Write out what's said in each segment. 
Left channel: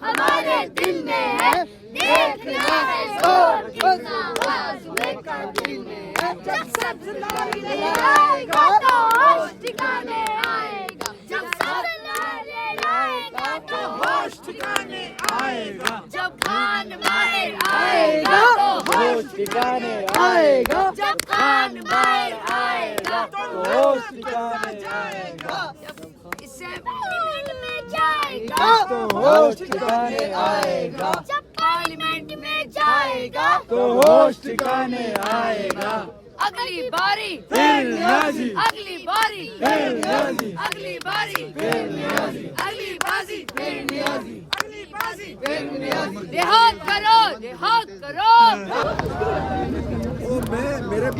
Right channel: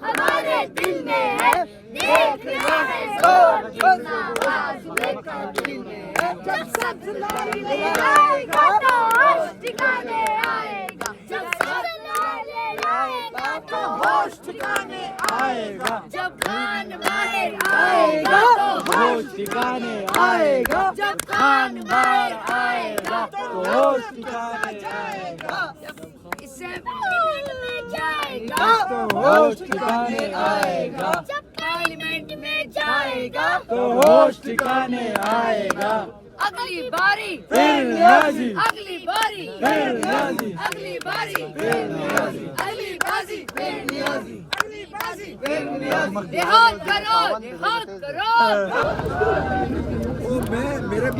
हमारे दिल में है, देखना है जोर कितना दिल में है। जब सब ले आएगा तो होश ठिकाने आएगा, जब सब ले आएगा तो होश ठिकाने आएगा, जब खान बाहर आएगा तो होश ठिकाने आएगा, जब खान बाहर आएगा तो होश ठिकाने जाएगा, इससे पार्लियामेंट में जाएगा तो होश ठिकाने आएगा, जब पार्लियामेंट में जाएगा तो होश ठिकाने आएगा। अगली बारी फिर नियाज़ी, अगली बारी फिर नियाज़ी, अगली बारी फिर नियाज़ी, अगली बाजी फिर नियाज़ी, अगली बाजी फिर नियाज़ी। देहात करो, देहात करो।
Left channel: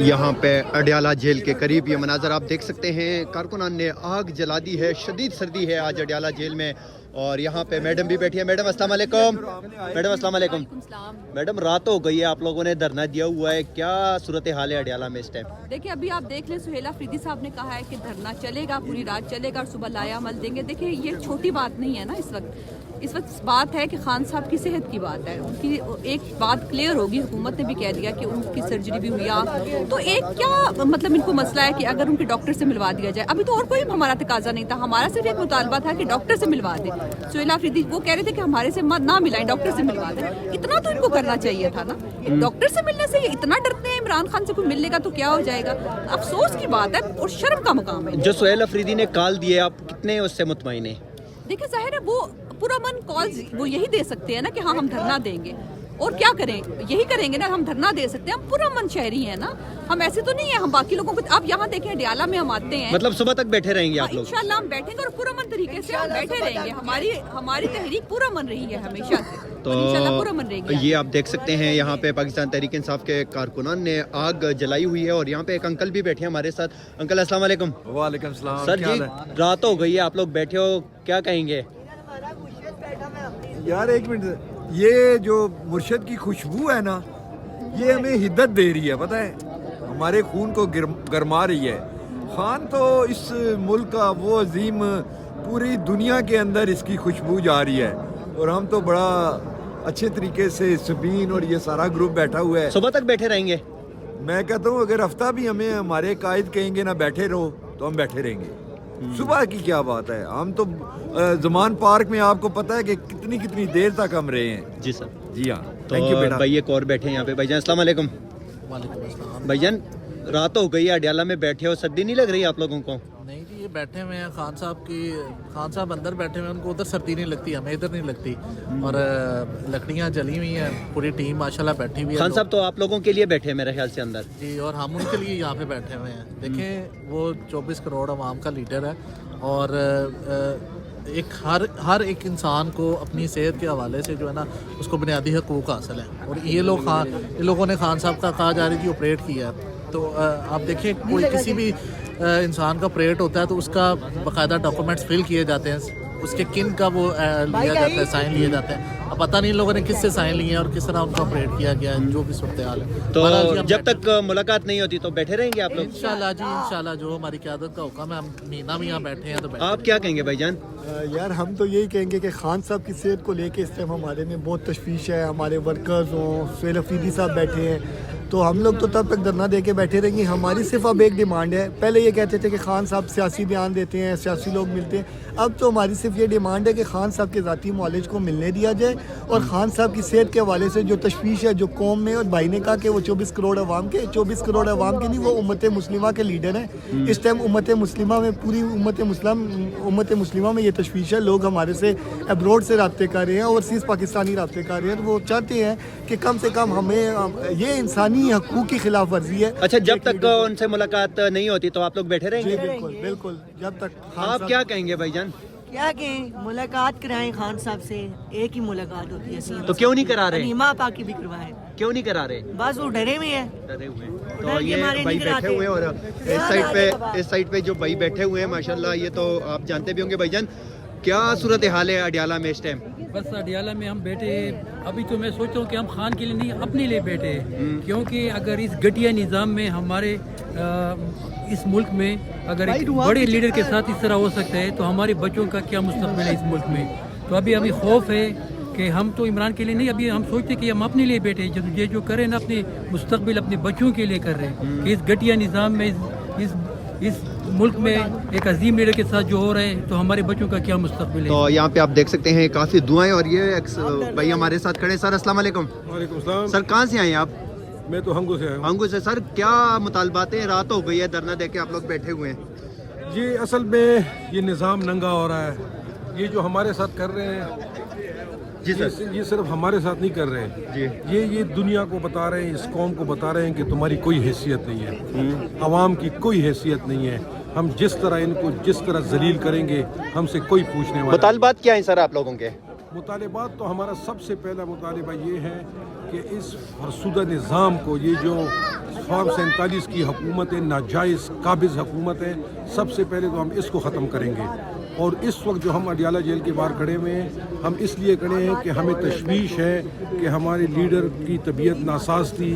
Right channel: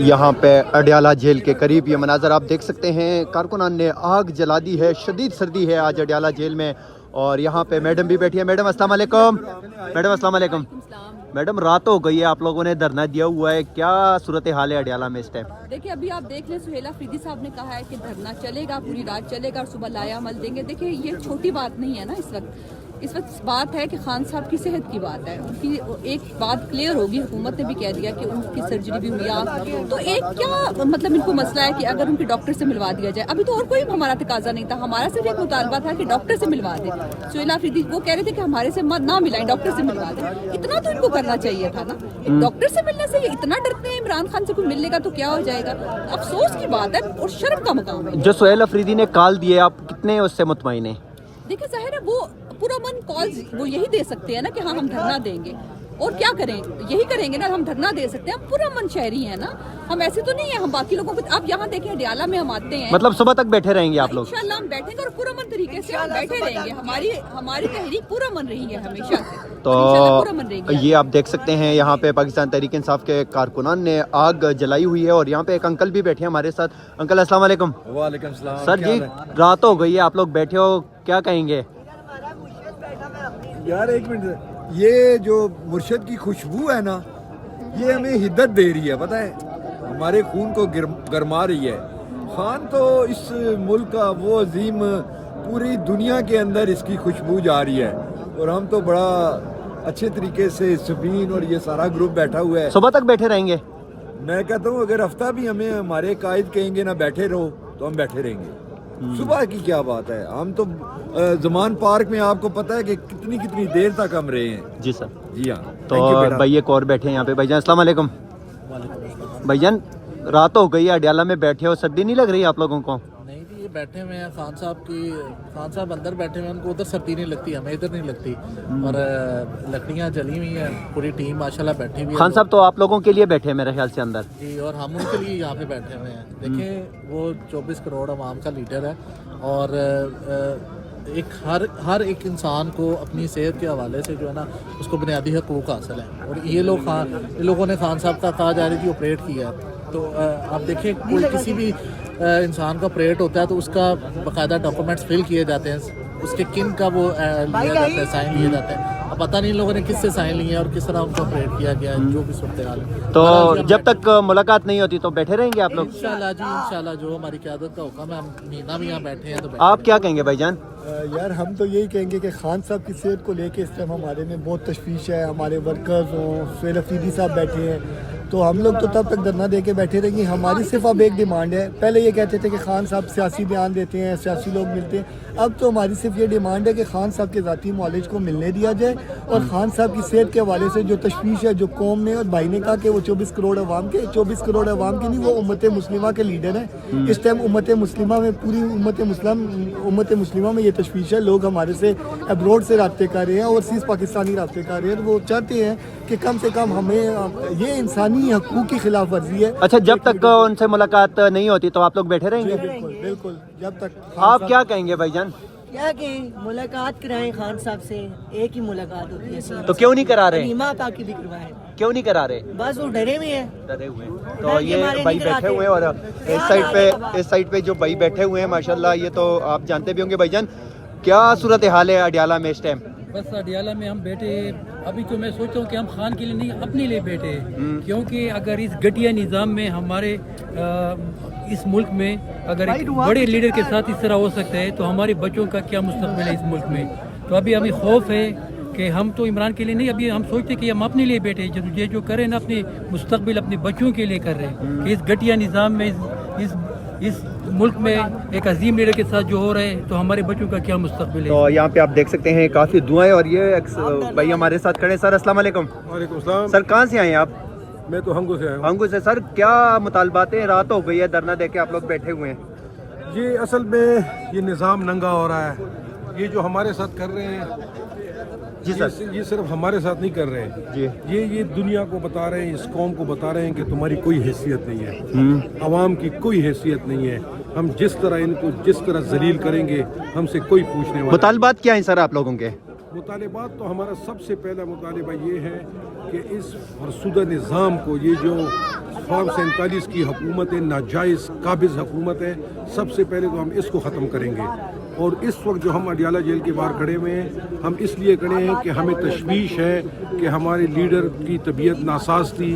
यहाँ पे अडयाला जेल के करीब ये मनाजर आप देख सकते हैं। कारकुनान ने आग जला दी है, शदीद सर्दी है आज अडयाला जेल में। और यहाँ पे मैडम भी बैठी है। मैडम अस्सलाम वालेकुम। मैडम अस्सलाम वालेकुम। मैडम रात हो गई है, आप लोगों ने धरना दिया हुआ है, क्या सूरत हाल है अडयाला में इस टाइम? देखिए अभी आप देख लें, सुहेल अफरीदी साहब ने कहा है कि धरना चलेगा, पूरी रात चलेगा और सुबह लाया अमल देंगे। देखिए ये छोटी बात नहीं है ना, इस वक्त बात है कि खान साहब की सेहत की बात है। उनकी एक बात क्लियर होगी, हुकूमत ने भी कह दिया कि उनकी सर्जरी भी हुई आँख, तो एक क्या मतलब इनको मसला है कि अगर उनके डॉक्टर से मिलवा दिया जाए। अभी तो और कोई हमारा तकाजा नहीं था, हमारा सिर्फ एक मुतालबा था कि डॉक्टर से मिलवा दे। सुहेल अफरीदी वो कह रहे थे कि हमारे से ना मिलाएं, डॉक्टर से मिलवा दें। इतना तो इनको करना चाहिए था ना, एक डॉक्टर से मिलने से इतना डरते हैं। इमरान खान से कोई मिल लेगा तो क्या हो जाएगा? अफसोस की बात है और शर्म का मुकाम है। जो सुहेल अफरीदी ने कॉल दिए, आप कितने उससे मुतमईन हैं? देखिए जाहिर है वो पूरा मन कॉल वो यही दे सकते हैं ना कि हाँ हम धरना देंगे, और क्या करें, यही करेंगे ना, हम धरना दे सकते हैं। हम पूरा मन शहरी है ना, हम ऐसे तो नहीं है हम बाकी लोगों को। आप यहाँ देखें अडयाला में हम आते हैं, मतलब सुबह तक बैठे रहेंगे आप लोग? इंशाल्लाह हम बैठेंगे और पूरा मन तरीके से हम बैठे रहेंगे। हमारी तहरीक पूरा मन रही है हमेशा से, तो पूरा मन रहेगी। ये आप देख सकते हैं यहाँ पे पाकिस्तान तहरीक इंसाफ के कारकुनान ने आग जलाई हुई है। और यहाँ पे एक अंकल भी बैठे हैं हमारे साथ। अंकल अस्सलाम वालेकुम। वालेकुम सलाम। सर जी रात हो गई है, आप लोग बैठे हो, क्या कहेंगे? यार एक मिनट, ये जो मुर्शिद की खुशबू है ना, ये हमें हिद्दत दे रही है, पता है, हमारे खून को गरमा रही है। खान तो इस मुल्क का वो अजीम, पूरी दुनिया के अंदर इसकी खुशबू जा रही है। और हम तो बड़ा अच्छे तरीके से सबीन और ये सारा ग्रुप बैठा हुआ है। सुबह तक बैठे रहेंगे? मैं कहता हूँ अगर हफ्ता भी हमें हमारे कायद कहेंगे ना बैठे रहो, तो हम बैठे रहेंगे। सुबह की क्या बात है, हम तो जमान पार्क में आपको पता है कि कितनी देर तक हम रहे हैं। जी सर। जी हाँ। तो भाई एक और बैठे हैं यहाँ पे। भाईजान अस्सलाम वालेकुम। भाईजान रात हो गई है, अडयाला में बैठे हो, सर्दी नहीं लग रही आप लोगों को? नहीं जी, ये बैठे हुए हैं खान साहब अंदर बैठे हुए हैं, उनको उधर सर्दी नहीं लगती, हमें इधर नहीं लगती। और लकड़ियाँ जली हुई हैं, पूरी टीम माशाल्लाह बैठी हुई है। खान साहब तो आप लोगों के लिए बैठे हैं मेरे ख्याल से अंदर? जी, और हम उनके लिए यहाँ पे बैठे हुए हैं। देखें वो 24 करोड़ अवाम का लीडर है, और एक हर एक इंसान को अपनी सेहत के हवाले से जो है ना उसको बुनियादी हकूक़ हासिल है। और ये लोगों ने खान साहब का कहा जा रहा है कि ऑपरेट किया है। तो आप देखें कोई किसी भी इंसान का ऑपरेट होता है तो उसका बाकायदा डॉक्यूमेंट्स फिल किए जाते हैं, उसके किन का वो लिया जाता है, साइन लिए जाते हैं। अब पता नहीं इन लोगों ने किससे साइन लिए हैं और किस तरह उनको ऑपरेट किया गया है, जो भी सूरत हाल है। तो जब तक मुलाकात नहीं होती तो बैठे रहेंगे आप लोग? इंशाल्लाह जी, इंशाल्लाह जो हमारी क़यादत का हुक्म है, हम महीना भी यहाँ बैठे हैं। तो आप क्या कहेंगे भाईजान? यार हम तो यही कहेंगे कि खान साहब की सेहत को लेके इस टाइम हमारे में बहुत तशवीश है। हमारे वर्कर्स हों, सुहेल अफरीदी साहब बैठे हैं, तो हम लोग तो तब तक धरना दे के बैठे रहेंगे। हमारी सिर्फ अब एक डिमांड है, पहले ये कहते थे कि खान साहब सियासी बयान देते हैं, सियासी लोग मिलते हैं, अब तो हमारी सिर्फ ये डिमांड है कि खान साहब के ज़ाती मौलेज को मिलने दिया जाए। और खान साहब की सेहत के हवाले से जो तशवीश है, जो कौम में, और भाई ने कहा कि वो 24 करोड़ अवाम के नहीं, वो उम्मत मुस्लिमा के लीडर हैं। इस टाइम उम्मत मुस्लिमा में, पूरी उम्मत मुस्लिमा में ये तशवीश है। लोग हमारे से अब्रोड से रब्ते कर रहे हैं, ओवरसीज़ पाकिस्तानी रब्ते कर रहे हैं। वो चाहते हैं कि कम से कम हमें, ये इंसानी हकूक़ की खिलाफ वर्जी है। अच्छा, जब तक उनसे मुलाकात नहीं होती तो आप लोग बैठे रहेंगे? बिल्कुल, जब तक। आप क्या कहेंगे भाईजान? क्या कहें, मुलाकात कराएं खान साहब से, एक ही मुलाकात होती है। तो क्यों नहीं करा रहे? नीमा पाकी भी करवाएं। क्यों नहीं करा रहे? बस वो डरे हुए हैं। तो ये भाई बैठे हुए हैं। और इस साइड पे जो भाई बैठे हुए हैं माशाल्लाह, ये तो आप जानते भी होंगे। भाईजान क्या सूरत हाल है अडयाला में इस टाइम? बस अडयाला में हम बैठे, अभी तो मैं सोच रहा हूँ कि हम खान के लिए नहीं अपने लिए बैठे, क्योंकि अगर इस घटिया निज़ाम में हमारे इस मुल्क में अगर एक बड़े लीडर के साथ इस तरह हो सकता है तो हमारे बच्चों का क्या मुस्तकबिल है इस मुल्क में। तो अभी हमें खौफ है कि हम तो इमरान के लिए नहीं, अभी हम सोचते कि हम अपने लिए बैठे, ये जो करें ना अपने मुस्तकबिल अपने बच्चों के लिए कर रहे हैं कि इस घटिया निज़ाम में इस मुल्क में एक अजीम लीडर के साथ जो हो रहे हैं तो हमारे बच्चों का क्या मुस्तकबिल है। तो यहाँ पे आप देख सकते हैं काफ़ी दुआएं, और ये भाई हमारे साथ खड़े। सर अस्सलाम वालेकुम। वालेकुम सलाम। सर कहाँ से आए हैं आप? मैं तो हंगू से आया हूँ। हंगू से। सर क्या मुतालबात हैं? रात हो गई है, धरना दे के आप लोग बैठे हुए हैं। ये असल में ये निज़ाम नंगा हो रहा है। ये जो हमारे साथ कर रहे हैं जी सर, ये सिर्फ हमारे साथ नहीं कर रहे हैं जी, ये दुनिया को बता रहे हैं, इस कौम को बता रहे हैं कि तुम्हारी कोई हैसियत नहीं है, आवाम की कोई हैसियत नहीं है। हम जिस तरह इनको जिस तरह जलील करेंगे हमसे कोई पूछने वाला। मुतालबात क्या है सर आप लोगों के? मुतालबात तो हमारा सबसे पहला मुतालबा ये है कि इस फरसुदा निज़ाम को, ये जो फॉर्म 47 की हुकूमत है, नाजायज़ काबिज़ हुकूमत है, सबसे पहले तो हम इसको ख़त्म करेंगे। और इस वक्त जो हम अडियाला जेल के बाहर खड़े हुए हैं, हम इसलिए खड़े हैं कि हमें तशवीश है कि हमारे लीडर की तबीयत नासाज थी,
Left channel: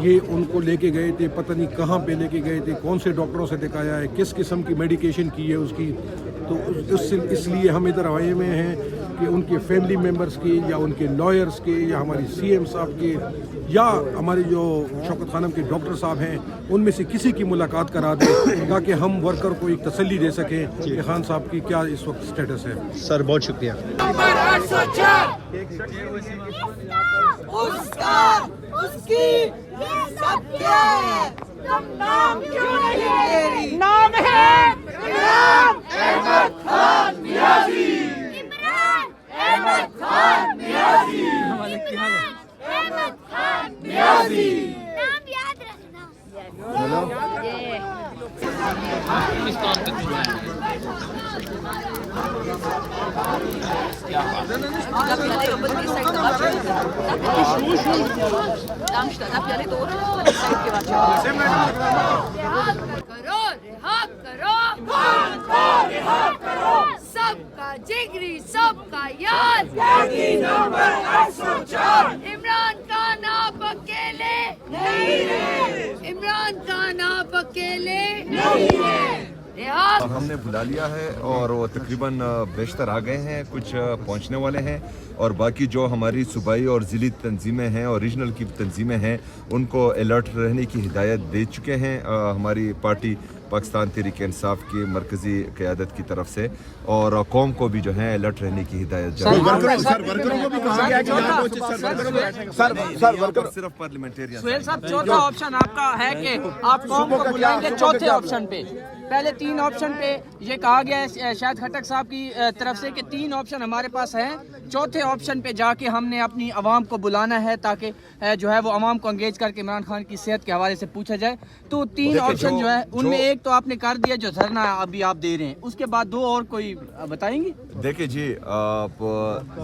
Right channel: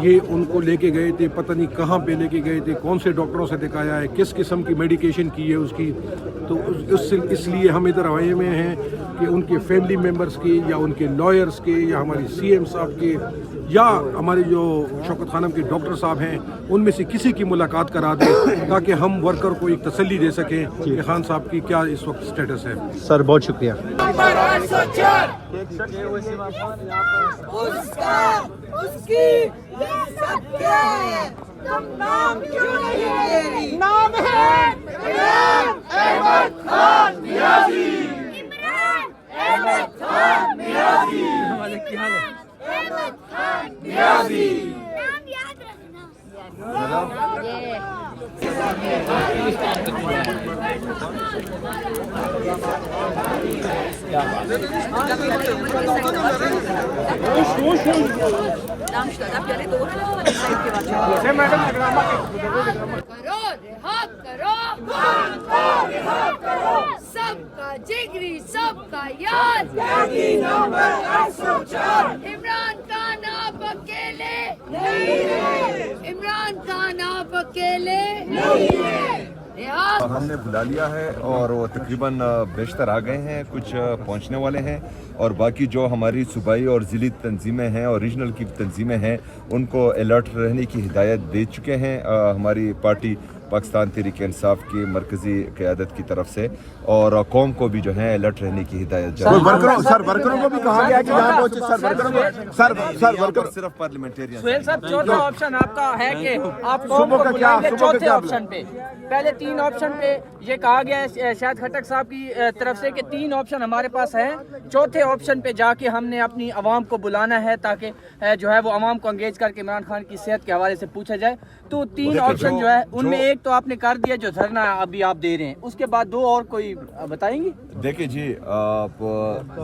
ये उनको लेके गए थे, पता नहीं कहाँ पे लेके गए थे, कौन से डॉक्टरों से दिखाया है, किस किस्म की मेडिकेशन की है उसकी। तो इसलिए हम इधर आए हुए हैं कि उनके फैमिली मेम्बर्स की या उनके लॉयर्स के या हमारी CM साहब के या हमारे जो शौकत खानम के डॉक्टर साहब हैं उनमें से किसी की मुलाकात करा दें ताकि हम वर्कर को एक तसल्ली दे सकें कि खान साहब की क्या इस वक्त स्टेटस है। सर बहुत शुक्रिया। उसकी सत्य है, तुम नाम क्यों नहीं? नाम है इमरान अहमद खान नियाज़ी। इमरान अहमद खान नियाज़ी। हमारे क्या हाल है? अहमद खान नियाज़ी। नाम याद रखना। क्या बात करो, रिहा करो, रिहा करो, सबका जिगरी सबका याद, इमरान खान आप अकेले नहीं है, इमरान खान आप अकेले नहीं है। हमने बुला लिया है और वो तकरीबन बेशतर आ गए हैं, कुछ पहुंचने वाले हैं, और बाकी जो हमारी सूबाई और ज़िली तंजीमें हैं और रीजनल की तंजीमें हैं उनको अलर्ट रहने की हिदायत दे चुके हैं हमारी पार्टी पाकिस्तान तहरीक इंसाफ की मरकज़ी क़यादत की तरफ से, और कौम को भी जो है अलर्ट रहने की हिदायत जारी। वर्करों को भी कहा गया कि यहाँ पहुंचे। सर यहाँ पर सिर्फ पार्लियामेंटेरियन। सुहेल साहब, चौथा ऑप्शन आपका है कि आप कौम को बुलाएंगे चौथे ऑप्शन पे। पहले 3 ऑप्शन पे ये कहा गया है शायद खट्टक साहब की तरफ से कि 3 ऑप्शन हमारे पास है, चौथे ऑप्शन पे जाके हमने अपनी आवाम को बुलाना है ताकि जो है वो आवाम को एंगेज करके इमरान खान की सेहत के हवाले से पूछा जाए। तो 3 ऑप्शन जो है उनमें एक तो आपने कर दिया जो धरना अभी आप दे रहे हैं, उसके बाद 2 और कोई बताएंगे? देखिए जी,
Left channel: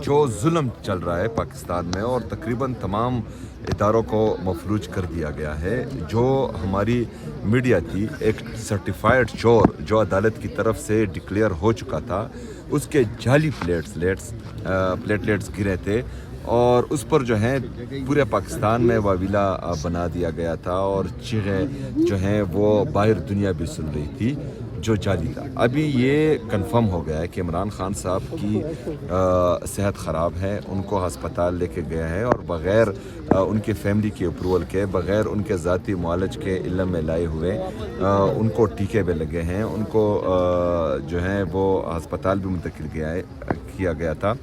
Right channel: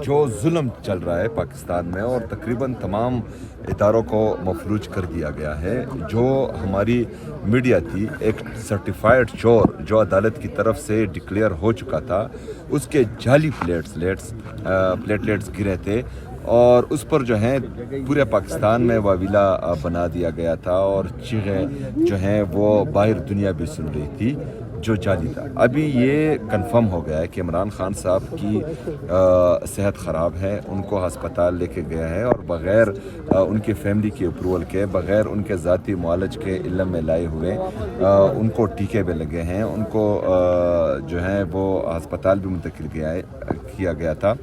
जो जुल्म चल रहा है पाकिस्तान में और तकरीबन तमाम इदारों को मफलूज कर दिया गया है, जो हमारी मीडिया थी एक सर्टिफाइड चोर जो अदालत की तरफ से डिक्लेयर हो चुका था, उसके जाली प्लेटलेट्स गिरे थे और उस पर जो है पूरे पाकिस्तान में वाविला बना दिया गया था और चीज़ें जो हैं वो बाहर दुनिया भी सुन रही थी जो जाली था। अभी ये कंफर्म हो गया है कि इमरान खान साहब की सेहत ख़राब है, उनको हस्पताल लेके गए हैं और बग़ैर उनके फैमिली के अप्रूवल के, बग़ैर उनके ज़ाती मुआलज के इल्म में लाए हुए उनको टीके पे लगे हैं, उनको जो है वो हस्पताल भी मुंतकिल किया गया था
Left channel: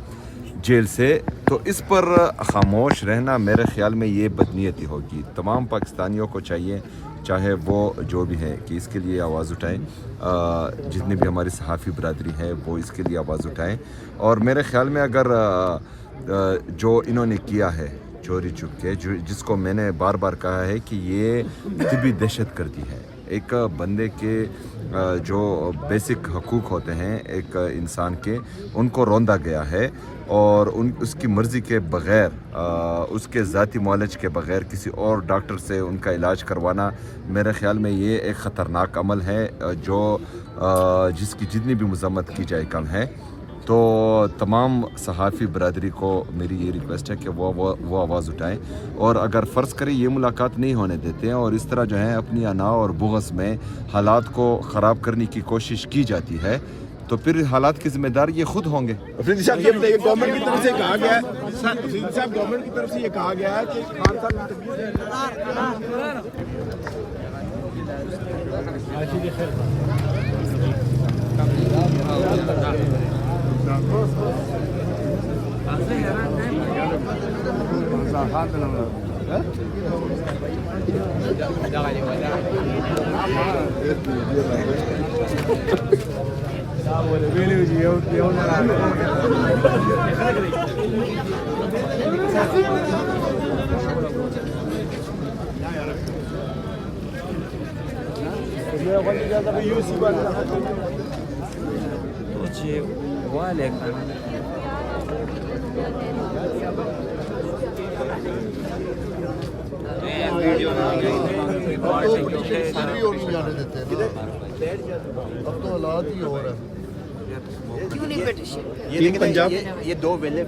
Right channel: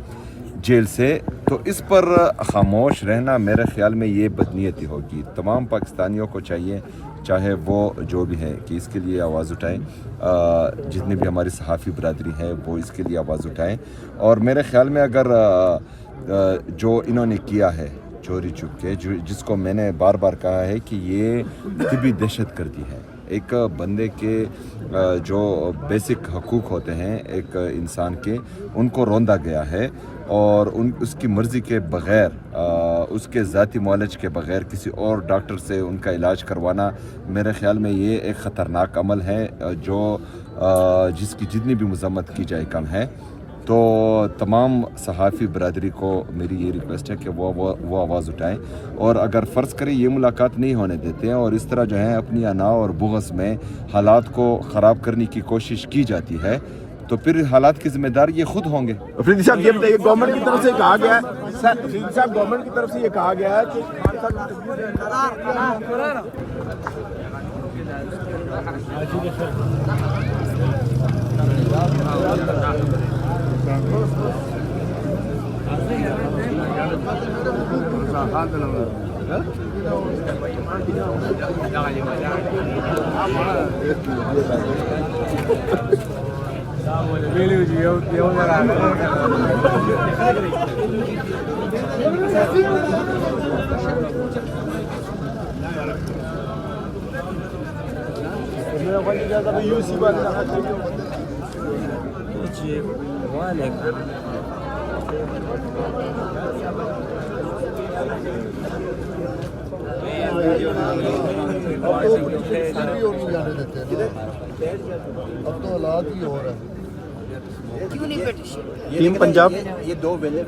जेल से। तो इस पर खामोश रहना मेरे ख़्याल में ये बदनीयती होगी। तमाम पाकिस्तानियों को चाहिए, चाहे वो जो भी है, कि इसके लिए आवाज़ उठाएं। जितनी भी हमारी सहाफ़ी बरादरी है वो इसके लिए आवाज़ उठाएं। और मेरे ख़्याल में अगर जो इन्होंने किया है चोरी छुप के, जिसको मैंने बार बार कहा है कि ये तिबी दहशत गर्दी है, एक बंदे के जो बेसिक हकूक़ होते हैं एक इंसान के, उनको रौंदा गया है और उसकी मर्ज़ी के बग़ैर, उसके ज़ाती मुआलज के बग़ैर किसी और डॉक्टर से उनका इलाज करवाना मेरे ख़्याल में ये एक ख़तरनाक अमल है जो जिसकी जितनी भी मज़म्मत की जाए कम है। تو تمام صحافی برادری کو میری یہ ریکویسٹ ہے کہ وہ آواز اٹھائیں، اور اگر فرض کریں یہ ملاقات نہیں ہونے دیتے ہیں اور اس طرح جو ہے اپنی انا اور بغض میں حالات کو خراب کرنے کی کوشش کی جاتی ہے تو پھر حالات کی ذمہ دار یہ خود ہوں گے۔ افریدی صاحب یہ گورنمنٹ کی طرف سے کہا گیا ہے، سر افریدی صاحب گورنمنٹ کی طرف سے یہ کہا گیا ہے کہ خان اب تو حالات ہی ہو رہا ہے۔ پنجاب یہ دو ویلے